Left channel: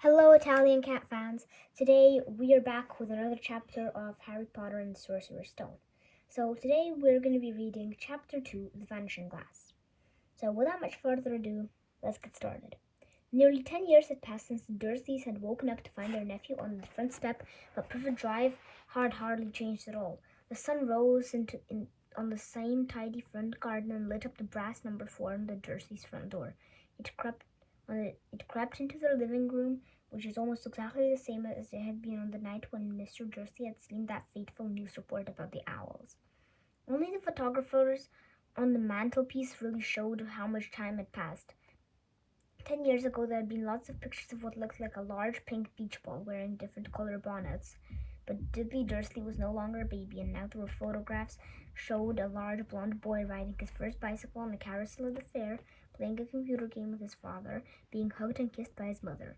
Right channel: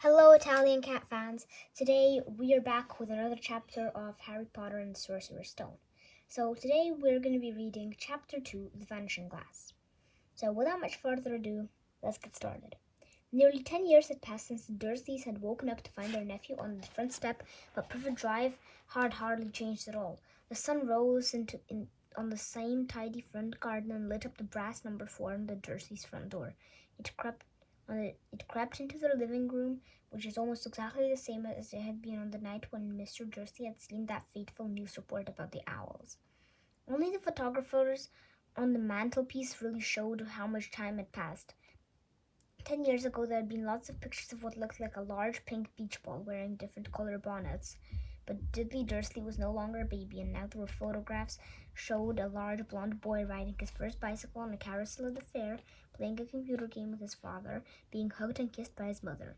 Hello, Italian cat fans. Today we are back with another chapter of Harry Potter and the Sorcerer's Stone. So today we're going to be reading Chapter 2, The Vanishing Glass. So without much further ado, let's get started. Nearly 10 years had passed since the Dursleys had woken up to find their nephew on the front step, but Privet Drive had hardly changed at all. The sun rose on the same tidy front garden and lit up the brass number 4 on the Dursleys' front door. It crept into their living room, which is almost exactly the same as it had been on the night when Mr. Dursley had seen that fateful news report about the owls. Only the photographers on the mantelpiece really showed how much time had passed. 10 years ago, there had been lots of pictures of what looked like a large pink beach ball wearing different color bonnets. But Dudley Dursley was no longer a baby, and now there were photographs showed a large blond boy riding his first bicycle on a carousel at the fair, playing a computer game with his father, being hugged and kissed by his mother.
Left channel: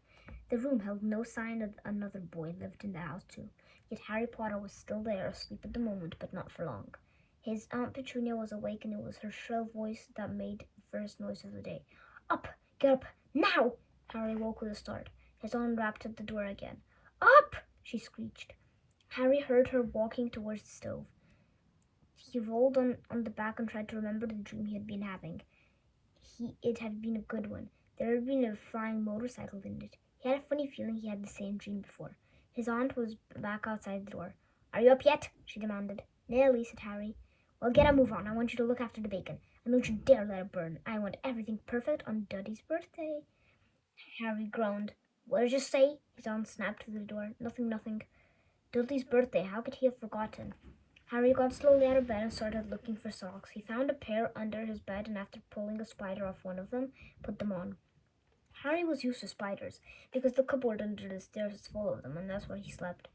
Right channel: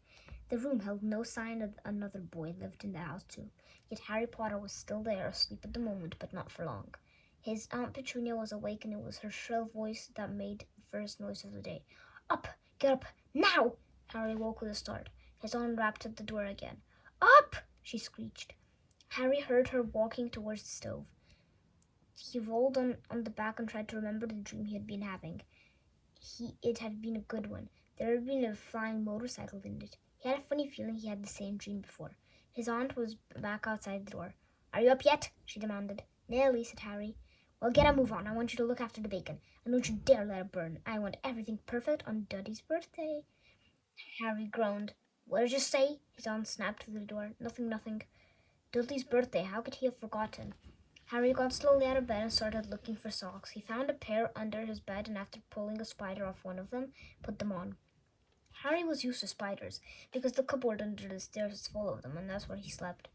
The room held no sign that another boy lived in the house too. Yet Harry Potter was still there, asleep at the moment, but not for long. His Aunt Petunia was awake, and it was her shrill voice that made the first noise of the day. Up! Get up! Now! Harry woke with a start. His aunt rapped at the door again. Up! She screeched. Harry heard her walking towards the stove. He rolled on the back and tried to remember the dream he had been having. It had been a good one. There had been a flying motorcycle in it. He had a funny feeling he had the same dream before. His aunt was back outside the door. Are you up yet? She demanded. Nearly, said Harry. Well, get a move on. I want you to look after the bacon. And don't you dare let it burn. I want everything perfect on Duddy's birthday. Harry groaned. What did you say? His aunt snapped through the door. Nothing. Dudley's birthday. How could he have forgotten? Harry got slowly out of bed and started looking for socks. He found a pair under his bed and after pulling a spider off one of them, put them on. Harry was used to spiders because the cupboard under the stairs is full of them, and that's where he slept.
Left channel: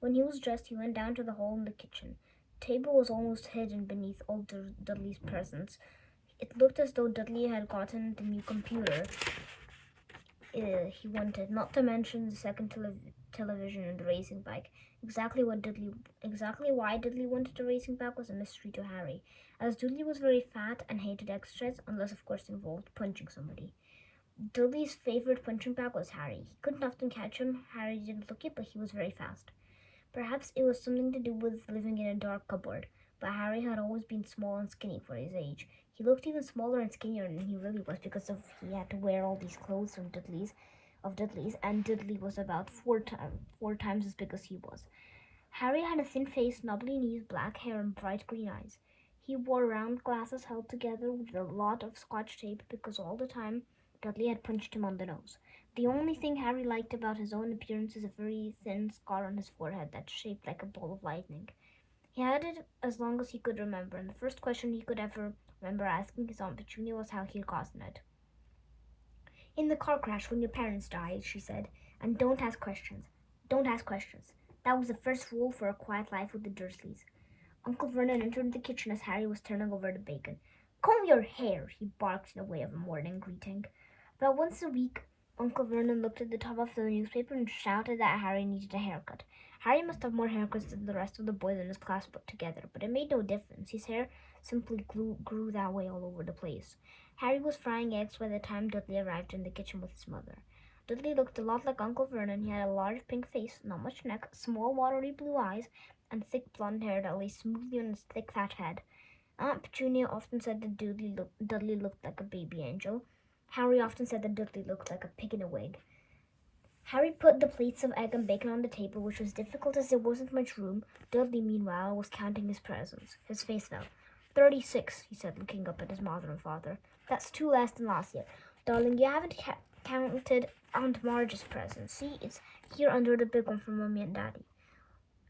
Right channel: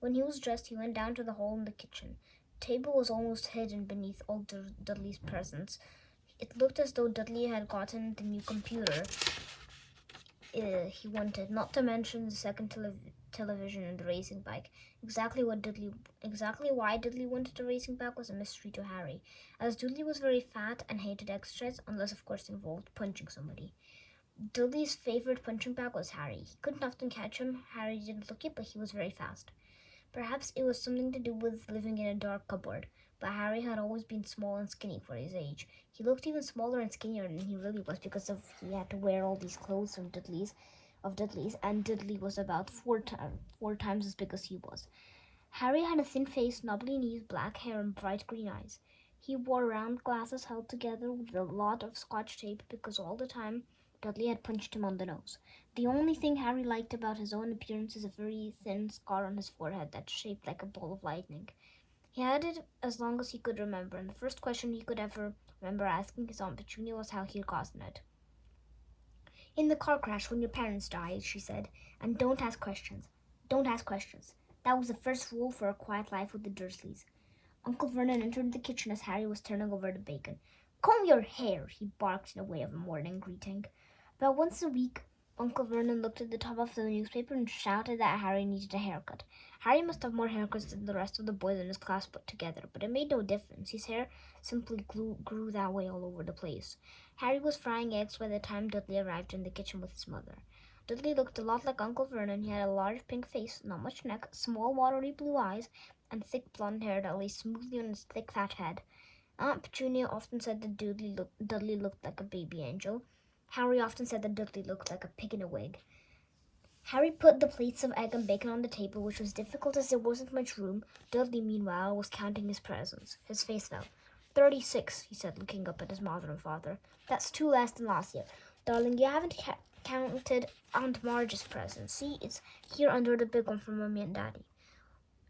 When he was dressed, he went down to the hall in the kitchen. The table was almost hidden beneath all Dudley's presents. It looked as though Dudley had gotten the new computer he wanted, not to mention the second television and the racing bike. Exactly why Dudley wanted the racing bike was a mystery to Harry, as Dudley was very fat and hated exercise, unless of course it involved punching somebody. Dudley's favorite punching bag was Harry. He couldn't often catch him. Harry didn't look it, but he was very fast. Perhaps it was something to do with living in a dark cupboard, but Harry had always been small and skinny for his age. He looked even smaller and skinnier than he really was because he had to wear all these clothes from Dudley's, and Dudley was about four times as big as he was. Harry had a thin face, knobbly knees, black hair, and bright green eyes. He wore round glasses held together with a lot of scotch tape because all the time Dudley had punched him on the nose. The only thing Harry liked about his own appearance is a very thin scar on his forehead that's shaped like a ball of lightning. He had it as long as he could remember, and the first question he could ever remember asking his Aunt Petunia was how he had gotten it. In the car crash when your parents died, she said, and don't ask questions. Don't ask questions. That was the first rule for a quiet life with the Dursleys. Uncle Vernon entered the kitchen as Harry was turning over the bacon. Comb your hair, he barked in a way of a morning greeting. About once a week, Uncle Vernon looked at the top of the newspaper and shouted that Harry needed a haircut. Harry must have more haircuts than the rest of the boys in his class put together, but it made no difference. His hair simply grew that way all over the place. Harry was frying eggs by the time Dudley arrived in the kitchen with his mother. Dudley looked a lot like Uncle Vernon. He had a large pink face, not much neck, small watery blue eyes, and thick blonde hair that lay smoothly on his thick fat head. Aunt Petunia often said that Dudley looked like a baby angel. Harry often said that Dudley looked like a pig in a wig. Harry put the plates of egg and bacon on the table, which was difficult as there wasn't much room. Dudley, meanwhile, was counting his presents. His face fell. 36, he said, looking up at his mother and father. That's 2 less than last year. Darling, you haven't counted Aunt Marge's present. See, it's here under the big one from Mummy and Daddy.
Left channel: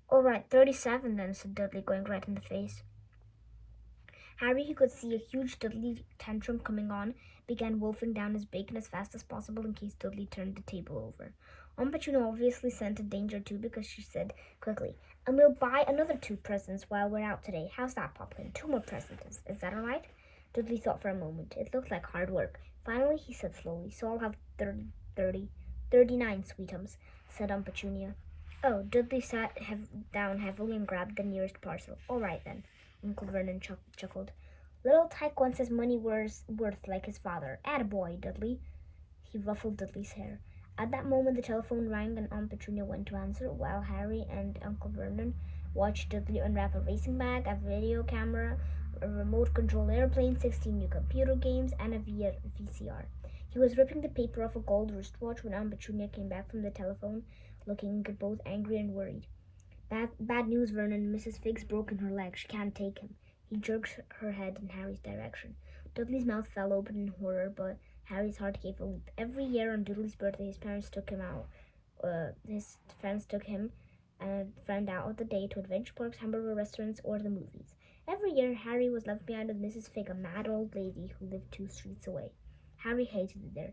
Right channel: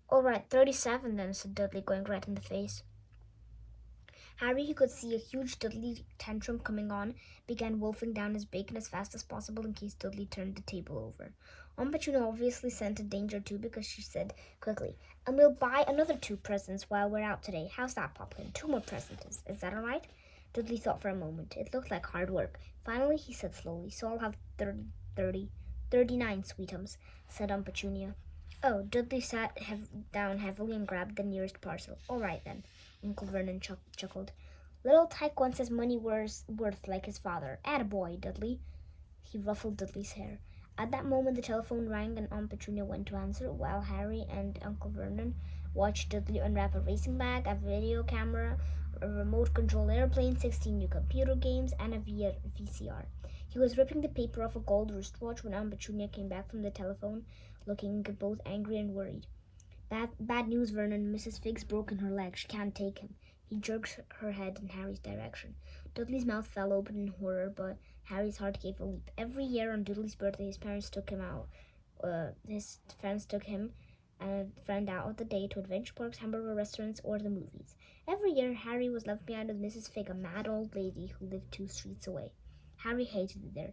All right, 37 then, said Dudley, going red in the face. Harry, who could see a huge Dudley tantrum coming on, began wolfing down his bacon as fast as possible in case Dudley turned the table over. Aunt Petunia obviously scented danger too because she said quickly, and we'll buy another 2 presents while we're out today. How's that, Poplin? 2 more presents. Is that all right? Dudley thought for a moment. It looked like hard work. Finally, he said slowly, so I'll have 39 sweetums, said Aunt Petunia. Oh, Dudley sat down heavily and grabbed the nearest parcel. All right, then. Uncle Vernon chuckled. Little Tyke wants his money worth like his father. Attaboy, Dudley. He ruffled Dudley's hair. At that moment, the telephone rang and Aunt Petunia went to answer, while Harry and Uncle Vernon watched Dudley unwrap a racing bag, a video camera, a remote control airplane, 16 new computer games, and a VCR. He was ripping the paper off a gold wristwatch when Aunt Petunia came back from the telephone, looking both angry and worried. Bad news, Vernon. Mrs. Figg's broken her leg. She can't take him. He jerked her head in Harry's direction. Dudley's mouth fell open in horror, but Harry's heart gave a leap. Every year on Dudley's birthday, his parents took him out. His friends took him and a friend out of the day to adventure parks, hamburger restaurants, or the movies. Every year, Harry was left behind with Mrs. Figg, a mad old lady who lived 2 streets away. Harry hated it there.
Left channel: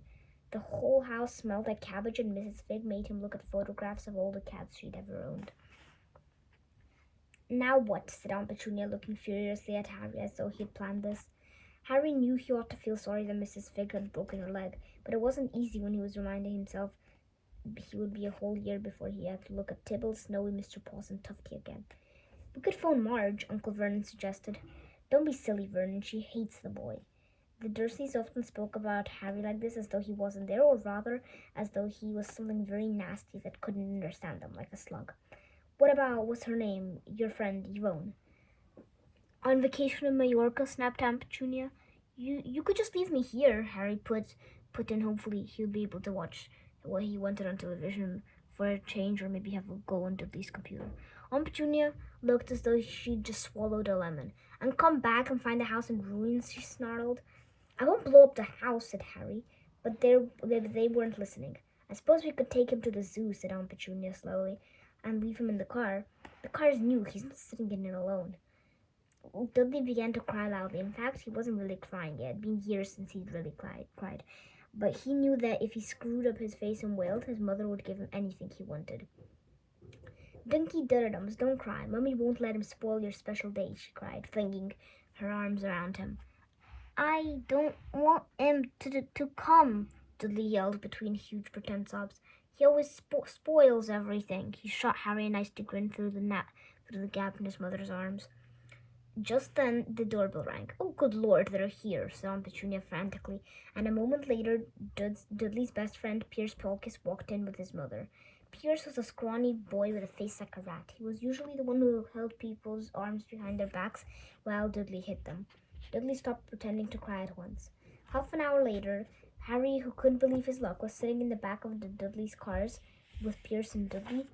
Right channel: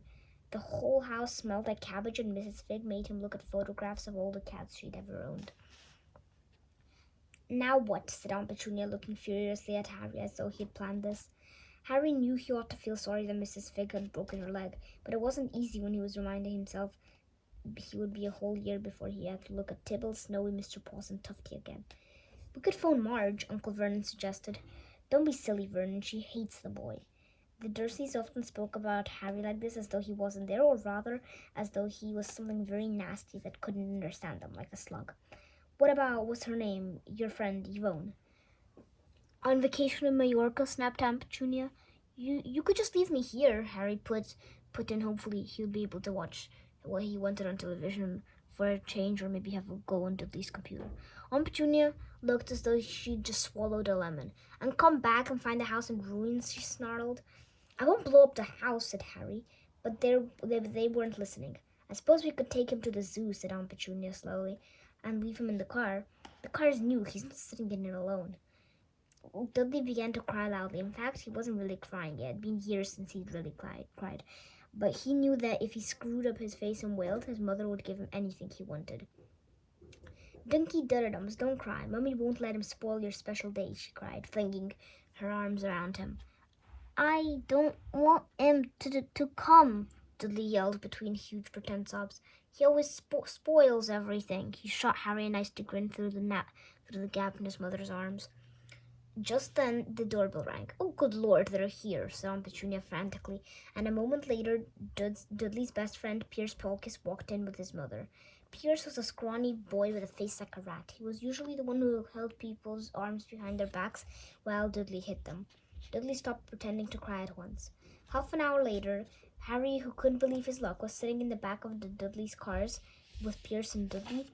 The whole house smelled like cabbage, and Mrs. Figg made him look at photographs of all the cats she'd ever owned. Now what? Said Aunt Petunia, looking furiously at Harry as though he had planned this. Harry knew he ought to feel sorry that Mrs. Figg had broken her leg, but it wasn't easy when he was reminding himself he would be a whole year before he had to look at Tibble, Snowy, Mr. Paws, and Tufty again. We could phone Marge, Uncle Vernon suggested. Don't be silly, Vernon. She hates the boy. The Dursleys often spoke about Harry like this, as though he wasn't there, or rather, as though he was something very nasty that couldn't understand them, like a slug. What about, what's her name, your friend, Yvonne? On vacation in Majorca, snapped Aunt Petunia. You could just leave me here, Harry put in. Hopefully he'll be able to watch what he wanted on television for a change, or maybe have a go on Dudley's computer. Aunt Petunia looked as though she'd just swallowed a lemon. And come back and find the house in ruins, she snarled. I won't blow up the house, said Harry, but they weren't listening. I suppose we could take him to the zoo, said Aunt Petunia slowly, and leave him in the car. The car's new, he's not sitting in it alone. Dudley began to cry loudly. In fact, he wasn't really crying yet. It had been years since he'd really cried. But he knew that if he screwed up his face and wailed, his mother would give him anything he wanted. Dinky Duddums, don't cry. Mummy won't let him spoil your special day, she cried, flinging her arms around him. I don't want him to come, Dudley yelled between huge pretend sobs. He always spoils everything. He shot Harry a nasty grin through the gap in his mother's arms. Just then, the doorbell rang. Oh, good Lord, they're here, said Aunt Petunia frantically, and a moment later, Dudley's best friend, Pierce Polkiss, walked in with his mother. Pierce was a scrawny boy with a face like a rat. He was usually the one who held people's arms behind their backs while Dudley hit them. Dudley stopped pretending to cry at once. Half an hour later, Harry, who couldn't believe his luck, was sitting in the back of the Dudley's cars with Pierce and Dudley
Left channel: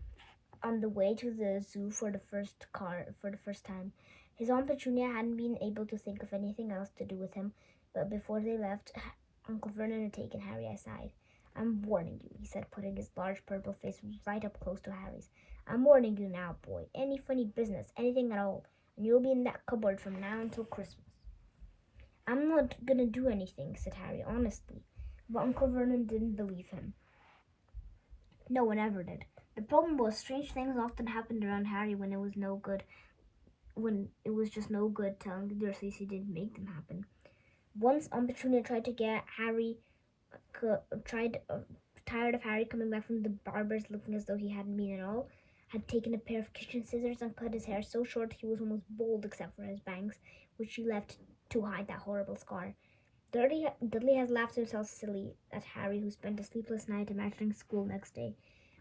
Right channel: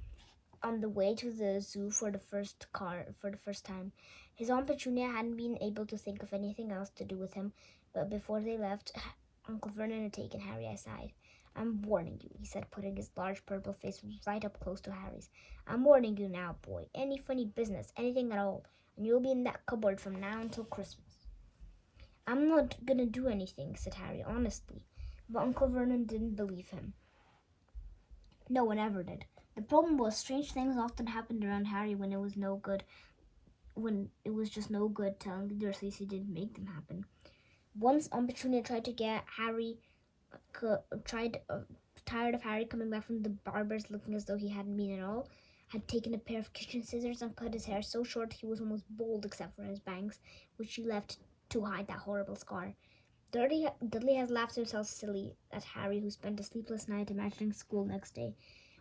on the way to the zoo for the first time. His Aunt Petunia hadn't been able to think of anything else to do with him, but before they left, Uncle Vernon had taken Harry aside. I'm warning you, he said, putting his large purple face right up close to Harry's. I'm warning you now, boy. Any funny business, anything at all, and you'll be in that cupboard from now until Christmas. I'm not gonna do anything, said Harry, honestly. But Uncle Vernon didn't believe him. No one ever did. The problem was, strange things often happened around Harry when it was just no good telling the Dursleys he didn't make them happen. Once Aunt Petunia tried to get Harry, tired of Harry coming back from the barber's looking as though he hadn't been at all, had taken a pair of kitchen scissors and cut his hair so short he was almost bald except for his bangs, which she left to hide that horrible scar. Dudley has laughed himself silly at Harry, who spent a sleepless night imagining school next day,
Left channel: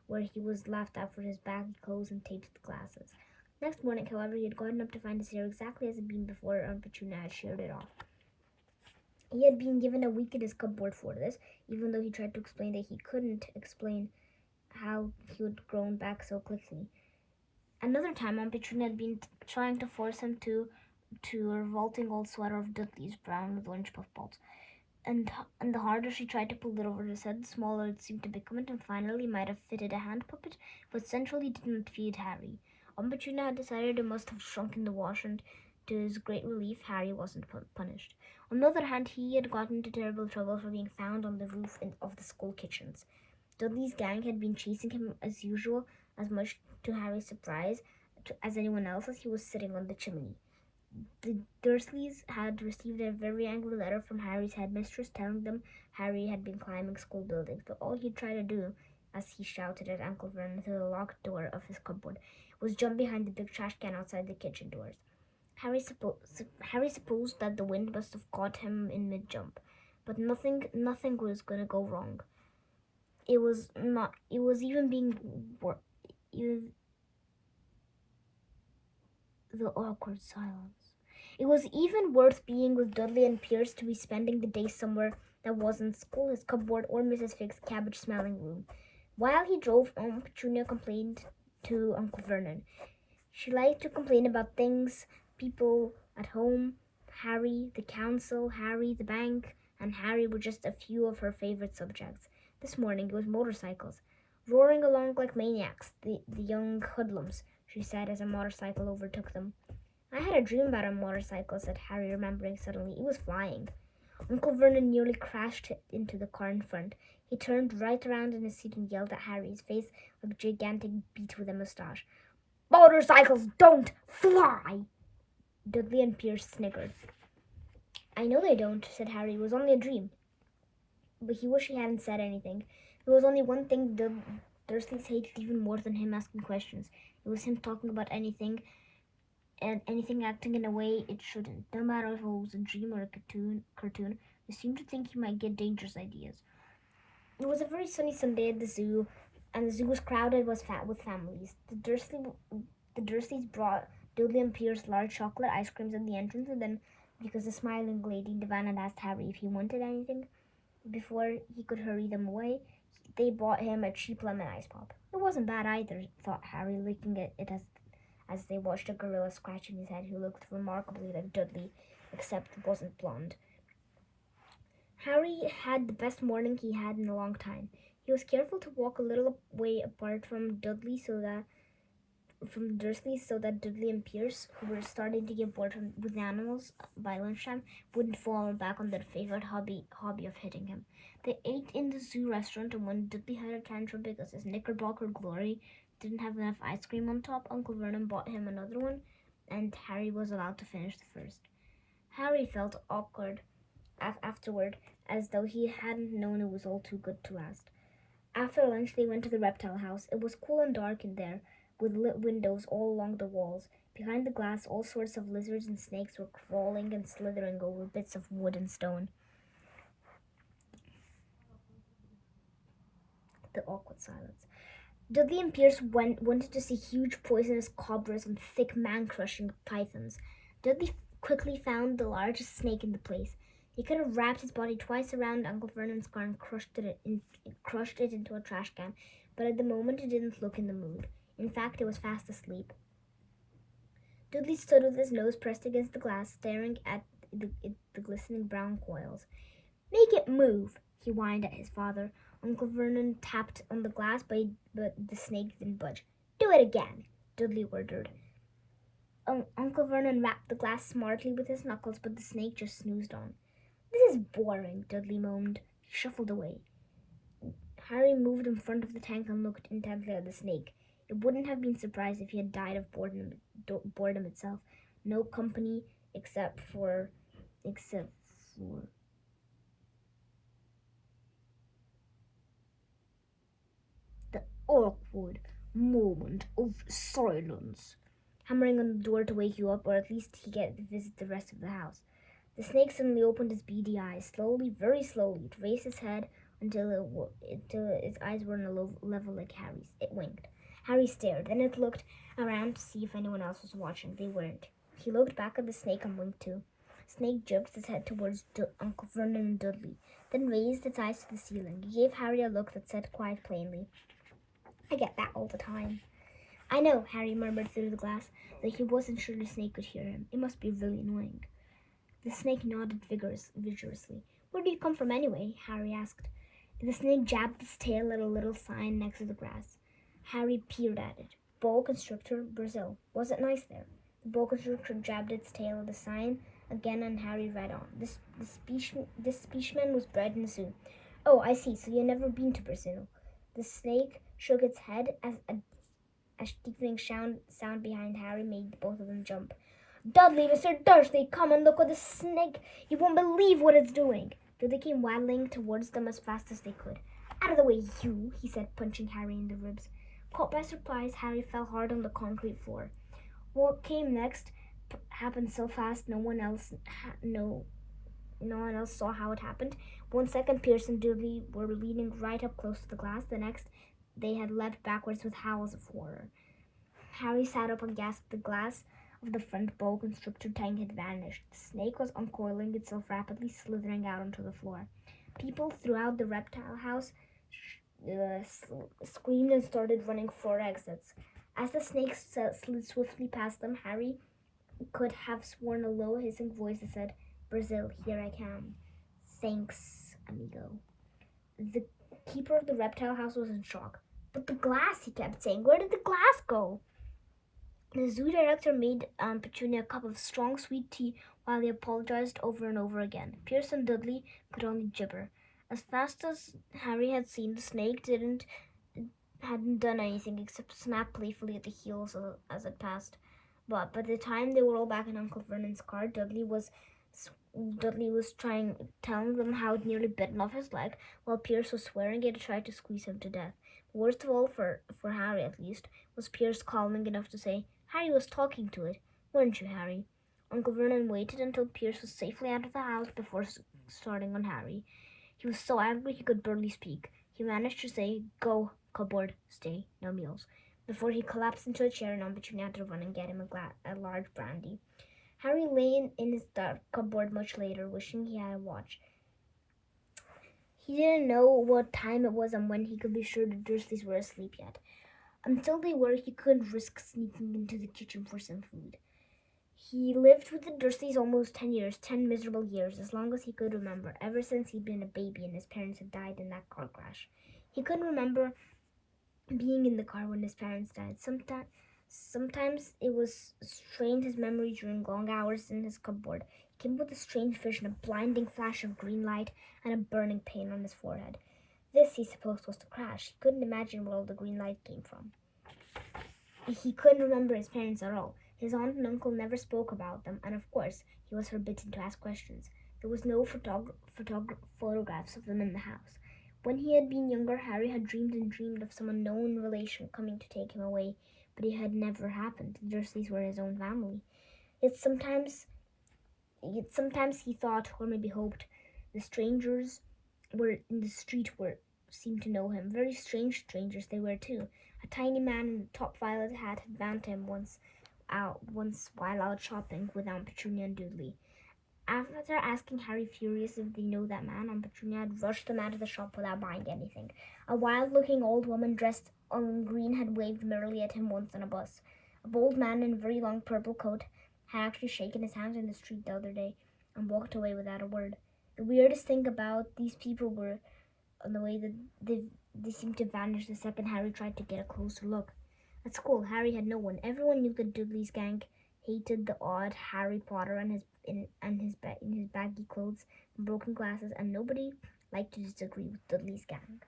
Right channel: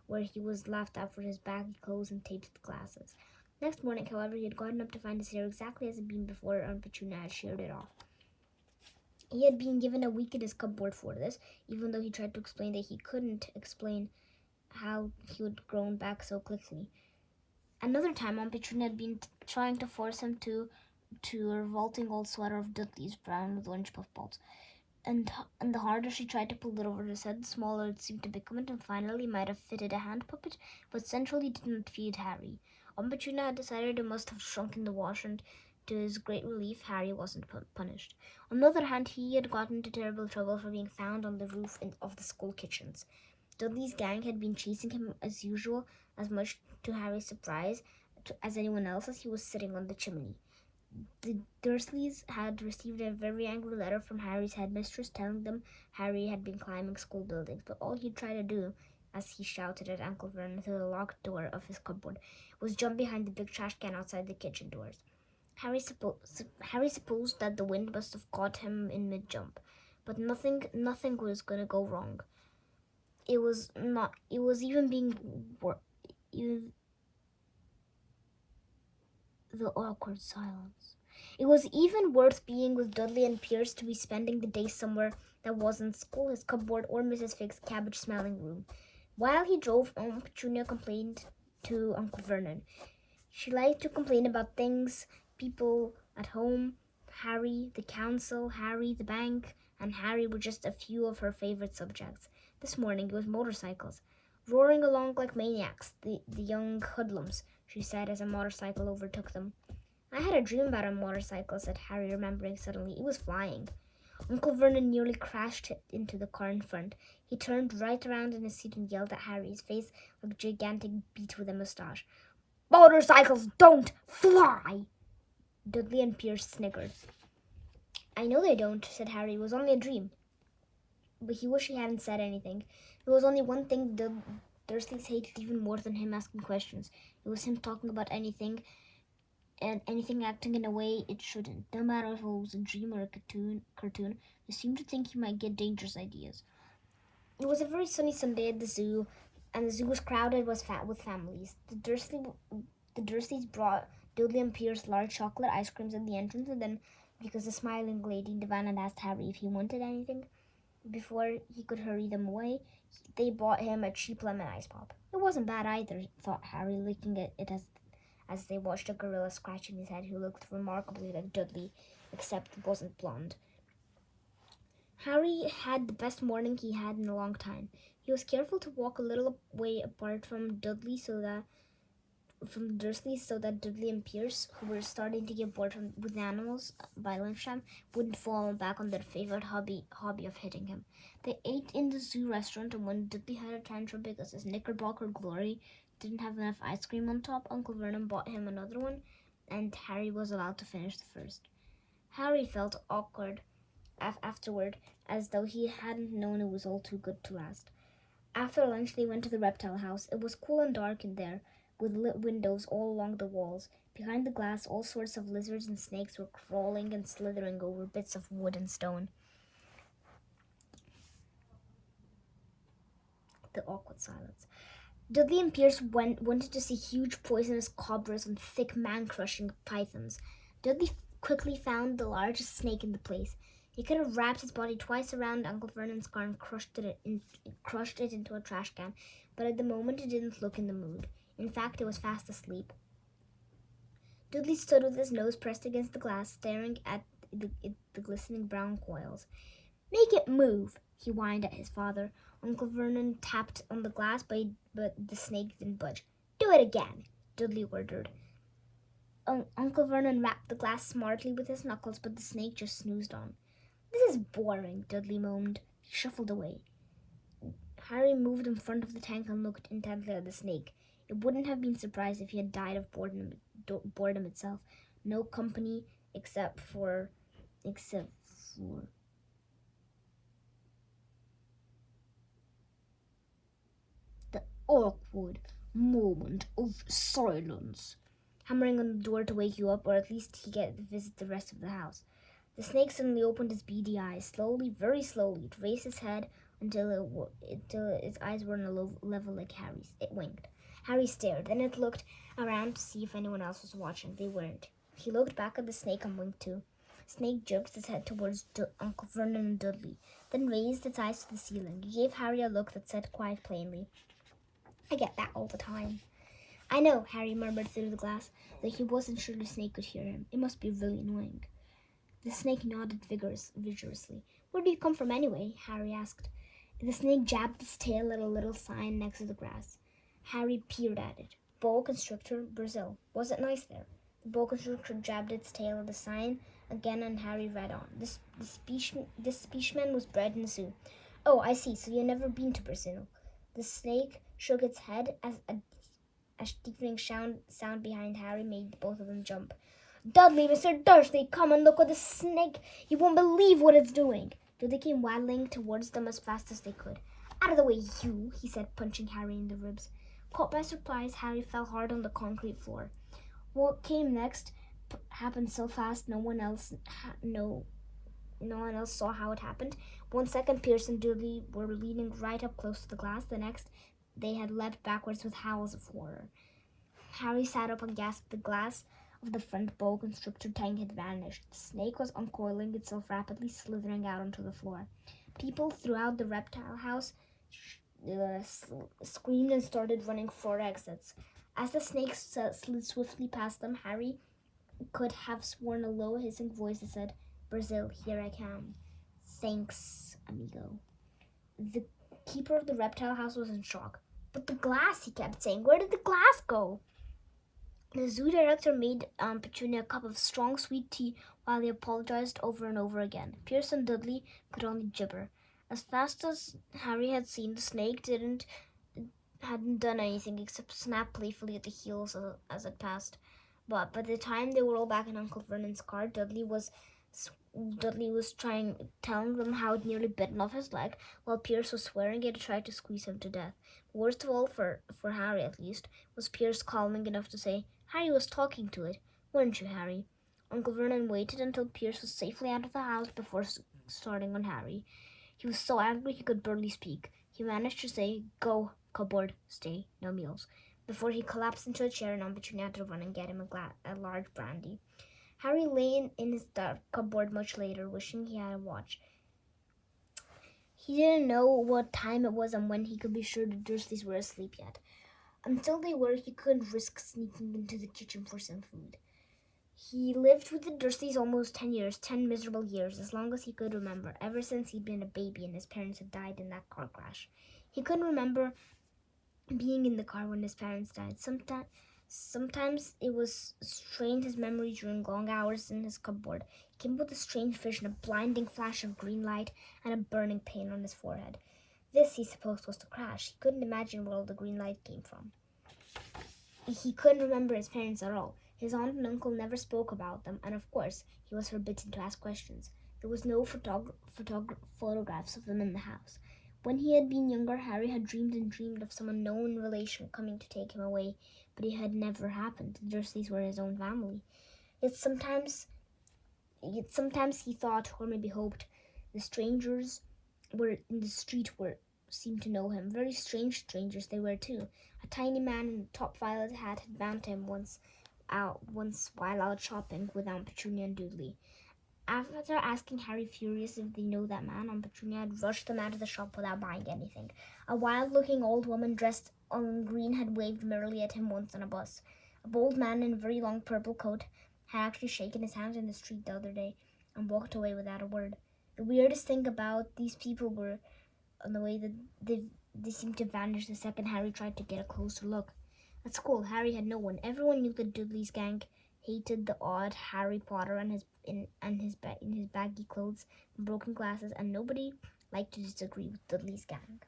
where he was laughed at for his baggy clothes and taped glasses. Next morning, however, he had gotten up to find his hair exactly as it had been before Aunt Petunia had sheared it off. He had been given a week in his cupboard for this, even though he tried to explain that he couldn't explain how he had grown back so quickly. Another time, Aunt Petunia had been trying to force him to a revolting old sweater of Dudley's, brown with orange puffballs. And the harder she tried to pull it over his head, the smaller it seemed to become, and finally might have fitted a hand puppet, but centrally didn't feed Harry. Aunt Petunia had decided it must have shrunk in the wash, and to his great relief, Harry wasn't punished. On the other hand, he had gotten into terrible trouble for being found on the roof of the school kitchens. Dudley's gang had been chasing him as usual, as much to Harry's surprise as anyone else, as he was sitting on the chimney. The Dursleys had received a very angry letter from Harry's headmistress telling them Harry had been climbing school buildings, but all he'd tried to do, as he shouted at Uncle Vernon through the locked door of his cupboard, was jump behind the big trash can outside the kitchen doors. Harry supposed that the wind must have caught him in mid-jump, but nothing was going to go wrong. It was not. It was even being the awkward silence. It was even worth being with Dudley and Pierce to be spending the day somewhere that wasn't school, his cupboard, or Mrs. Fig's cabbage-smelling room. While he drove, Aunt Petunia complained to Uncle Vernon. She liked to complain about things, people at home. Harry, the council, Harry, the bank, and Harry were just a few of her favorite subjects. This morning it was motorcycles. Roaring along like maniacs, the young hoodlums, she said as a motorcycle overtook them. I had a dream about a motorcycle, said Harry, remembering suddenly. It was flying. Uncle Vernon nearly crashed into the car in front. He turned right around in his seat and yelled at Harry, his face like a gigantic beet with a moustache. Motorcycles don't fly! Dudley and Pierce snickered. I know they don't, said Harry. It was only a dream. But he wished he hadn't said anything. There was only one thing the Dursleys hated even more than him asking questions. It was him talking about anything and anything acting in a way it shouldn't. No matter if it was a dream or a cartoon, they seemed to think he might get dangerous ideas. It was a very sunny Sunday at the zoo, and the zoo was crowded with families. The Dursleys brought Dudley and Pierce large chocolate ice creams at the entrance, and then, because the smiling lady in the van had asked Harry if he wanted anything before he could hurry them away, they bought him a cheap lemon ice pop. It wasn't bad either, thought Harry, licking at it as they watched a gorilla scratching his head who looked remarkably like Dudley, except wasn't blonde. Harry had the best morning he had in a long time. He was careful to walk a little way apart from Dursleys so that Dudley and Pierce, who were starting to get bored with animals by lunchtime, wouldn't fall back on their favorite hobby of hitting him. They ate in the zoo restaurant, and when Dudley had a tantrum because his Knickerbocker Glory didn't have enough ice cream on top, Uncle Vernon bought him another one, and Harry was allowed to finish the first. Harry felt awkward afterward, as though he hadn't known it was all too good to last. After lunch, they went to the reptile house. It was cool and dark in there, with lit windows all along the walls. Behind the glass, all sorts of lizards and snakes were crawling and slithering over bits of wood and stone. The awkward silence. Dudley and Pierce wanted to see huge poisonous cobras and thick man-crushing pythons. Dudley quickly found the largest snake in the place. He could have wrapped his body twice around Uncle Vernon's car and crushed it into a trash can, but at the moment it didn't look in the mood. In fact, it was fast asleep. Dudley stood with his nose pressed against the glass, staring at the glistening brown coils. "Make it move," he whined at his father. Uncle Vernon tapped on the glass, but the snake didn't budge. "Do it again," Dudley ordered. Uncle Vernon rapped the glass smartly with his knuckles, but the snake just snoozed on. "This is boring," Dudley moaned. He shuffled away. Harry moved in front of the tank and looked intently at the snake. It wouldn't have been surprised if he had died of boredom itself. No company except for the awkward moment of silence. Hammering on the door to wake you up, or at least he get to visit the rest of the house. The snake suddenly opened his beady eyes. Slowly, very slowly, it raised its head until its eyes were on a level like Harry's. It winked. Harry stared. Then it looked around to see if anyone else was watching. They weren't. He looked back at the snake and winked too. Snake jerked its head towards Uncle Vernon and Dudley, then raised its eyes to the ceiling. He gave Harry a look that said quite plainly, "I get that all the time." "I know," Harry murmured through the glass, though he wasn't sure the snake could hear him. It must be really annoying. The snake nodded vigorously. "Where do you come from anyway?" Harry asked. The snake jabbed its tail at a little sign next to the grass. Harry peered at it. "Boa Constrictor, Brazil. Was it nice there?" The boa constrictor jabbed its tail at the sign again, and Harry read on. This specimen was bred in the zoo." "Oh, I see. So you've never been to Brazil." The snake shook its head as a deafening sound behind Harry made both of them jump. "Dudley, Mr. Dursley, come and look at the snake. You won't believe what it's doing." Dudley came waddling towards them as fast as they could. "Out of the way, you," he said, punching Harry in the ribs. Caught by surprise, Harry fell hard on the concrete floor. What came next happened so fast no one else saw how it happened. 1 second, Pierce and Dudley were leaning right up close to the glass. The next, they had leapt backwards with howls of horror. Harry sat up and gasped. The glass of the front boa constrictor tank had vanished. The snake was uncoiling itself rapidly, slithering out onto the floor. People throughout the reptile house screamed and started running for exits. As the snake slid swiftly past them, Harry could have sworn a low, hissing voice that said, "Brazil, here I come." "Thanks, amigo." The keeper of the reptile house was in shock. "But the glass," he kept saying. "Where did the glass go?" The zoo director made Petunia a cup of strong, sweet tea while they apologized over and over again. Pierce and Dudley could only gibber. As fast as Harry had seen, the snake hadn't done anything except snap playfully at the heels as it passed. But by the time they were all back in Uncle Vernon's car, Dudley was telling them how it nearly bitten off his leg, while Pierce was swearing it had tried to squeeze him to death. Worst of all, for Harry at least, was Pierce calming enough to say, "Harry was talking to it, weren't you, Harry?" Uncle Vernon waited until Pierce was safely out of the house before starting on Harry. He was so angry he could barely speak. He managed to say, "Go, cupboard, stay, no meals," before he collapsed into a chair and Aunt Petunia had to run and get him a large brandy. Harry lay in his dark cupboard much later, wishing he had a watch. He didn't know what time it was and when he could be sure the Dursleys were asleep yet. Until they were, he couldn't risk sneaking into the kitchen for some food. He lived with the Dursleys almost 10 years, 10 miserable years, as long as he could remember, ever since he'd been a baby and his parents had died in that car crash. He couldn't remember being in the car when his parents died. Sometimes it was strained his memory during long hours in his cupboard. He came with a strange vision, a blinding flash of green light and a burning pain on his forehead. This, he supposed, was the crash. He couldn't imagine where all the green light came from. He couldn't remember his parents at all. His aunt and uncle never spoke about them, and of course, he was forbidden to ask questions. There was no photographs of them in the house. When he had been younger, Harry had dreamed and dreamed of some unknown relation coming to take him away, but it had never happened. The Dursleys were his own family. Yet sometimes he thought, or maybe hoped, the strangers were in the street seemed to know him. Very strange strangers they were too. A tiny man in a top violet hat had bounced him once while out shopping with Aunt Petunia and Dudley. After asking Harry furious if they know that man, Aunt Petunia had rushed them out of the shop without buying anything. A wild-looking old woman dressed in green had waved merrily at him once on a bus. A bold man in a very long purple coat had actually shaken his hand in the street the other day and walked away without a word. The weirdest thing about these people were the way that they seemed to vanish the second Harry tried to get a closer look. At school, Harry had no one. Everyone knew that Dudley's gang hated the odd Harry Potter in his baggy clothes and broken glasses, and nobody liked to disagree with Dudley's gang.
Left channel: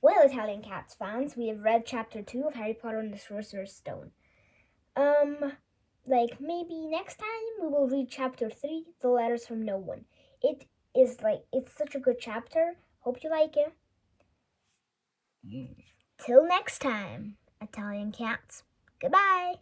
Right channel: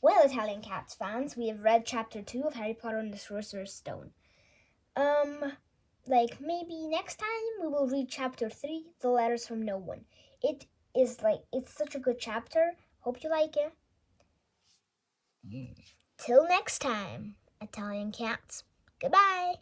Well, Italian Cats fans, we have read Chapter 2 of Harry Potter and the Sorcerer's Stone. Maybe next time we will read Chapter 3, The Letters from No One. It's such a good chapter. Hope you like it. Till next time, Italian Cats. Goodbye.